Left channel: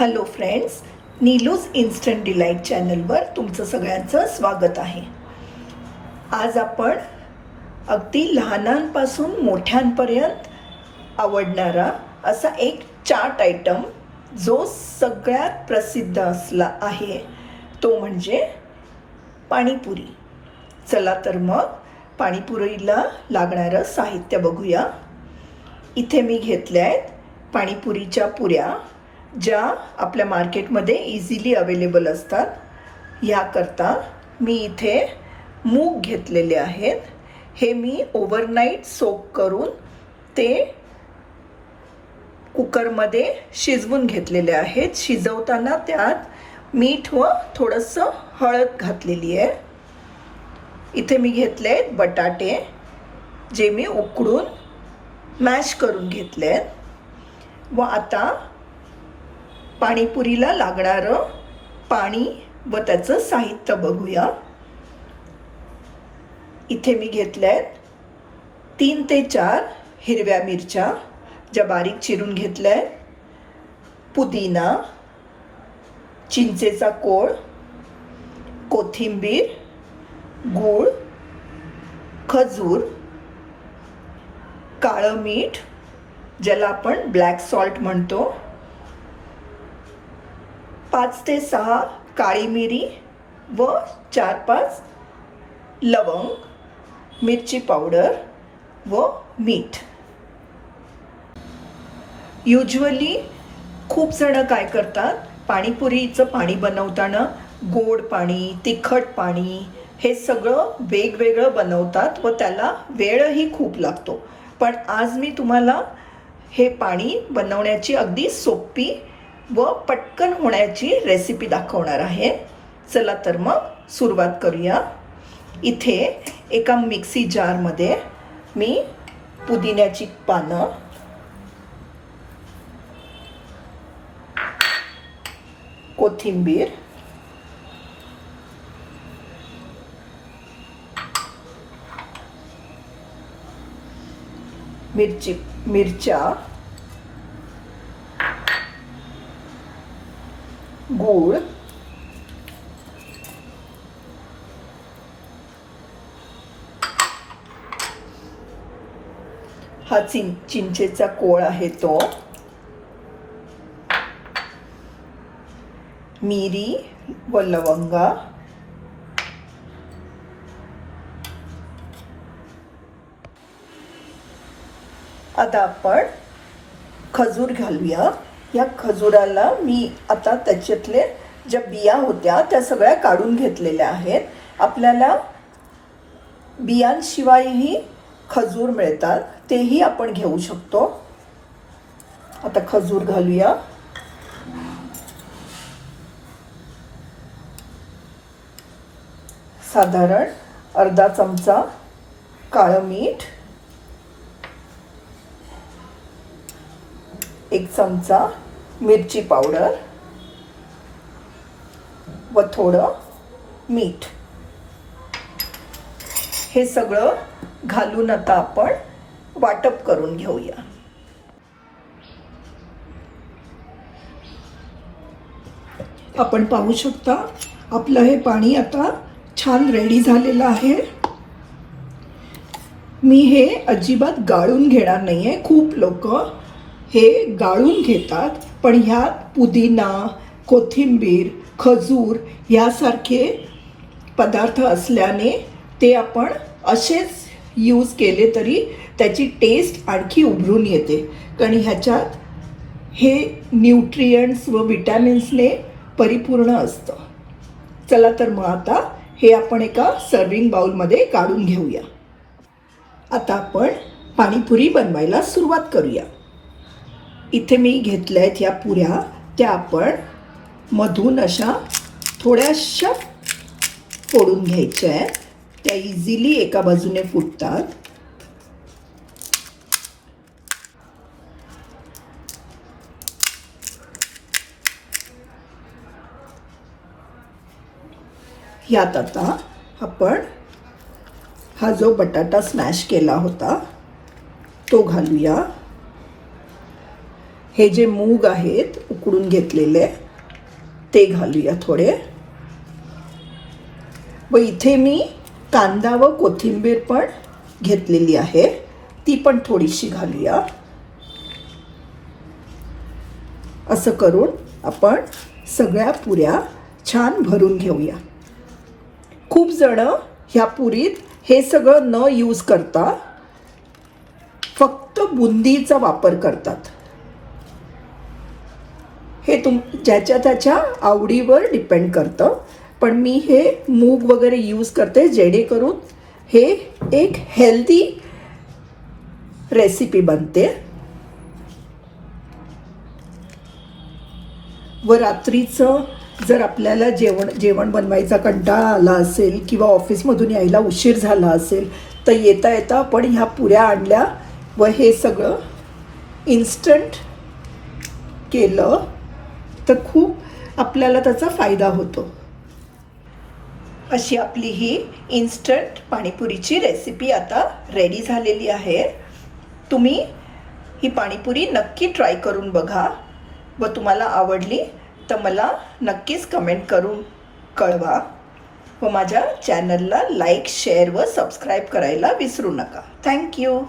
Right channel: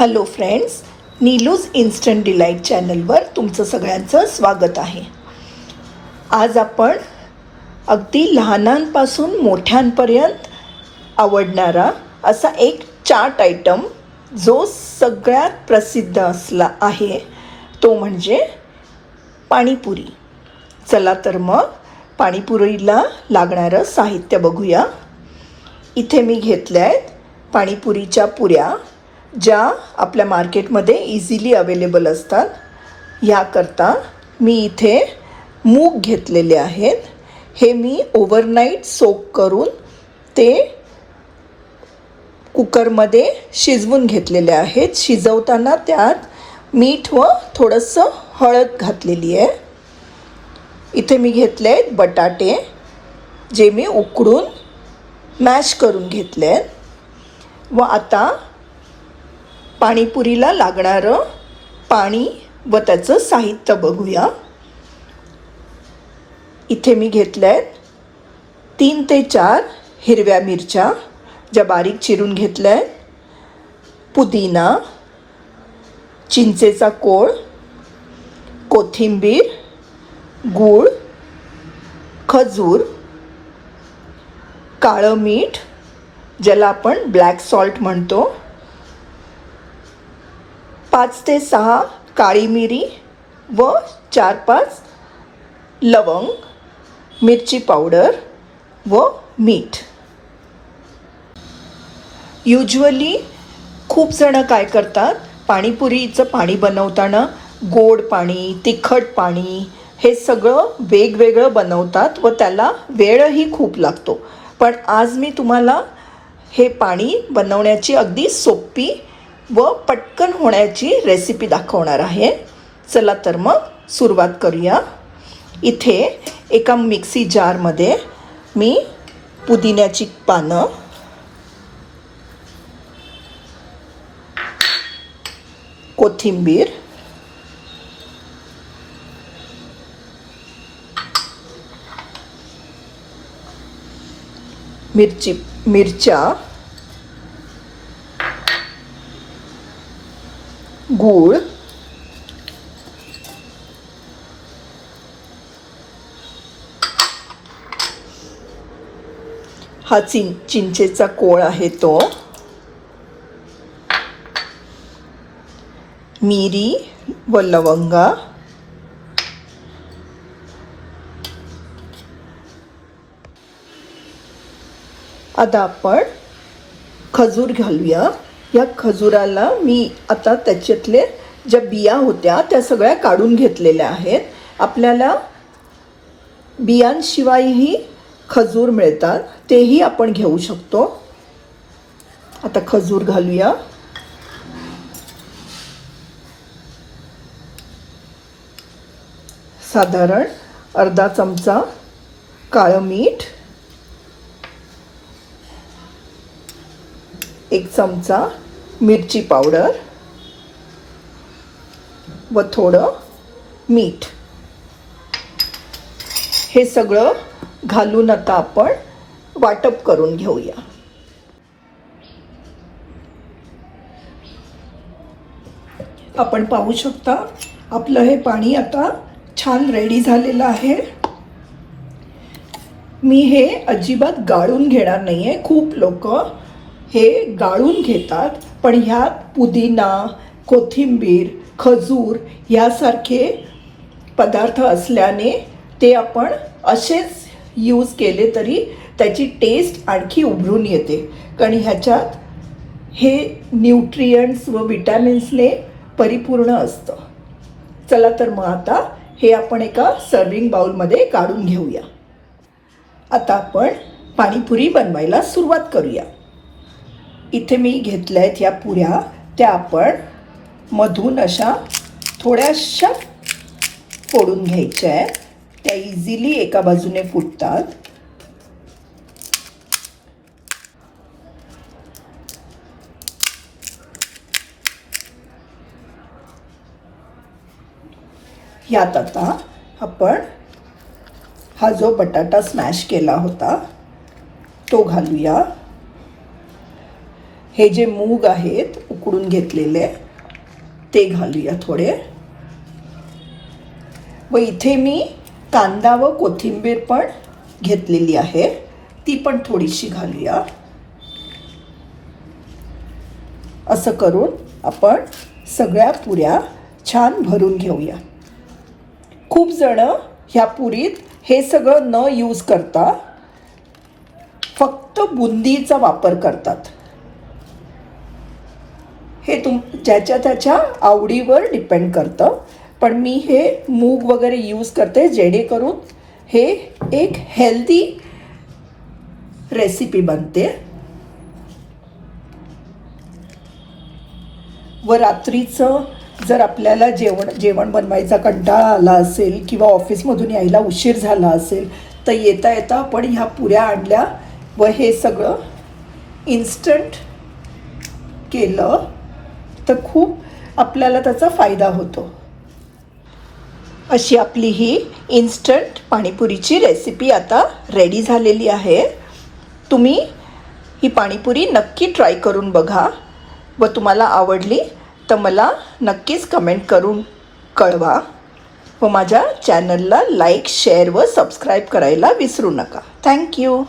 Hello friends Neelu's instant delight चॅनलवर तुमचं सगळ्यांचं स्वागत आहे. आज आपण अगदी लहानांपासून मोठ्यांपर्यंत आवडणारा असा एक चाट आयटम जो सगळ्यात प्रसिद्ध असला आहे तो म्हणजे पाणीपुरी. चला तर मग पाणीपुरीला लागणारं साहित्य बघूया. इथे मी घेतल्या आहेत पाणीपुरीच्या पुऱ्या. ज्या आपल्या मार्केटमध्ये इझिली अवेलेबल असतात ह्याकरता मी इथे मूग घेतलेले आहेत. हे मी ओव्हरनाईट सोक करून ते कुकरमध्ये शिजवून घेतलेले आहेत. शिजवताना त्यात मीठ व थोडंसं हळद घातलेली आहे. इथे मी घेतले आहेत बटाटे जे मी उकडून मॅश करून घेतले आहेत. व आता पाणीपुरीला लागणारं पाणी व त्याचं साहित्य बघूया. इथे मी घेतलं आहेत तीन ते चार हिरव्या मिरच्या ज्या बारीक चिरून घेतल्या. आहेत पुदिना चिंचेचा कोळ कोथिंबीर गूळ खजूर काळं मीठ ज्याला आपण ब्लॅक सॉल्ट म्हणतो. पाच ते सहा काळी मिरी व चार पाच लवंग मिरची पावडर व मीठ. युजली खूप जणं काय करतात पाणीपुरीचं पाणी बनवताना गोड पाणी तिखट पाणी हे सगळं वेगवेगळं बनवतात व त्याला वेळही खूप लागतो. पण आज मी तुम्हाला हे पाणी बनवण्याची अगदी सोपी व पटकन होण्याची रेसिपी दाखवणार आहे. चला तर मग सुरुवात करूया. इथे एका मिक्सी जारमध्ये मी पुदिन्याची पानं कोथिंबीर मिरची मिरच्या गूळ हा चिं चिंचेचा कोळ आहे तो. मिरी व लवंगा. आता आपण खजूर घालूया. या खजुराला मी आता त्याच्यातले ज्या बिया होत्या त्या सगळ्या काढून घेतलेल्या आहेत. आपल्याला बियांशिवायही खजूर मिळतात तेही आपण घेऊ शकतो. आता खजूर घालूया. साधारण अर्धा चमचा काळं मीठ. एक चमचा मिरची पावडर व थोडं मीठ. हे सगळं घालून आता आपण वाटप करून घेऊया. आपण पाहू शकता आपलं हे पाणी आता छान रेडी झालेलं आहे. मी हे अजिबात गाळून घेणार नाही आहे खूप लोक हे गाळून घेतात पण ह्यात पुदिना कोथिंबीर खजूर यासारखे पदार्थ असल्याने ते आपण असेच यूज केले तरी त्याची टेस्ट आणखी उभरून येते. कारण ह्याच्यात हे न्यूट्रियंट्स व विटॅमिन्सने परिपूर्ण असतं. चला तर मग आता हे आपण एका सर्विंग बाउलमध्ये काढून घेऊया. आता आपण पाणीपुरी बनवायला सुरुवात करूया. इथे मी घेतल्या आहेत या पुऱ्या. त्या आपण मधून अशा थोड्याशा फोडून घ्यायच्या आहेत. त्या इझिली एका बाजूने फुटतात. यात आता आपण हा जो बटाटा स्मॅश केला होता तो घालूया. हे जे मूग आहेत उकडून घेतलेले ते घालूया थोडे. व इथे मी कांदा व कोथिंबीर पण घेतलेली आहे. ती पण थोडीशी घालूया. असं करून आपण सगळ्या पुऱ्या छान भरून घेऊया. खूप जण ह्या पुरीत हे सगळं न यूज करता फक्त बुंदीचा वापर करतात. हे तुम ज्याच्या त्याच्या आवडीवर डिपेंड करतं. पण मी हे मूग वगैरे यूज करते जेणेकरून हे एक हेल्दी रेसिपी बनते. व रात्रीचं जर आपल्याला जेवण जेवण बनवायचा कंटाळा आला असेल किंवा ऑफिसमधून यायला उशीर झाला असेल तर येता येता आपण ह्या पुऱ्या आणल्या व हे सगळं इन्स्टंट केलं. तर खूप आपल्याला त्याचा फायदा होतो. अशी आपली ही इन्स्टंट पाणीपुरीची रेसिपी आता रेडी झालेली आहे. तुम्ही ही पाणीपुरी नक्की ट्राय करून बघा. व तुम्हाला आवडली तर मला नक्कीच कमेंट करून कळवा. व माझ्या चॅनलला लाईक शेअर व सबस्क्राईब करायला विसरू नका. थँक्यू